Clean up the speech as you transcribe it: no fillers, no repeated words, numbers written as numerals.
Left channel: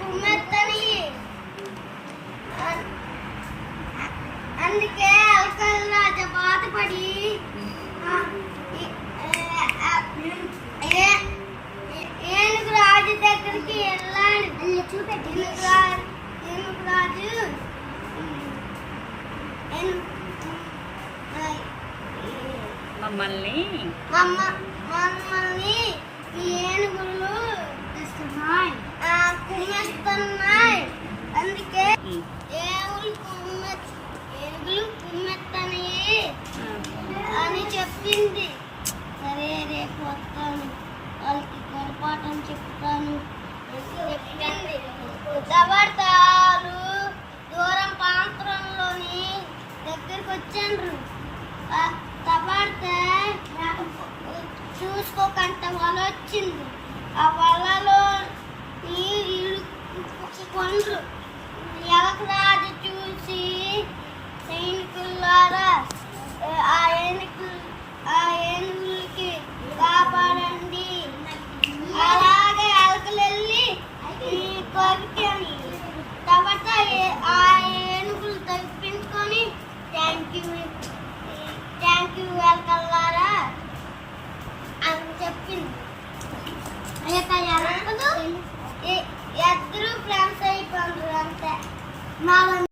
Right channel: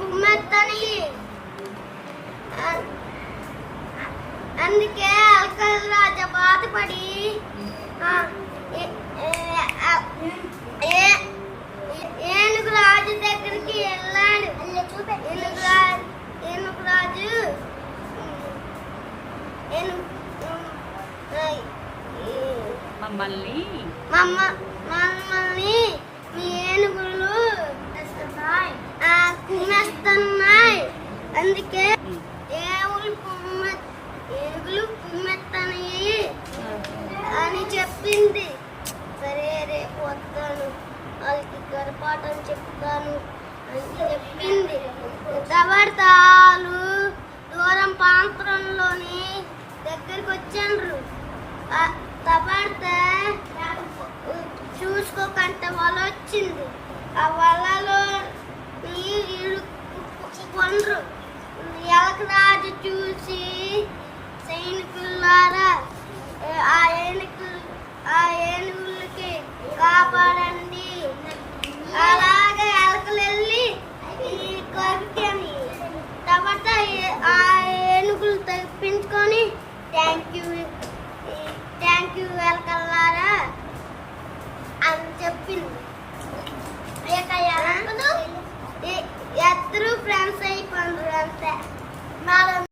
కుమ్మెత్తని అందుకే అల్కల్ రాజా బాధపడి ఏనుగు రాజు దగ్గరికి వెళ్ళాడు. ఏనుగు రాజు మమ్మల్ని మీ ఏనుగులు కుమ్మేస్తున్నాయి, అందుకే ఏనుగులు కుమ్మెత్తని అని చెప్పింది. సరే రేపు వస్తాను, వాళ్ళకి గర్భపాఠం చెప్తాను అని చెప్పింది. దవడతాలు దూరం ప్రాంతంలోని దగ్గరికి వచ్చారు. దవడత చూసుకోకంటే వల వచ్చింది. ఆ వలలో కొండ్రు ఎలకరాజు చూసి సైనికులారా ఆ ఏనుగులకి కాపాడండి, అలాగే ఎలకలు వెళ్ళి కొరికని తర్వాత ఆ ఏనుగులు తప్పించుకొని థ్యాంక్ యూ ఎలకలారా అని చెప్పింది. ఎలకలు ఇద్దరు ఫ్రెండ్స్ అయిపోయింది అంతే.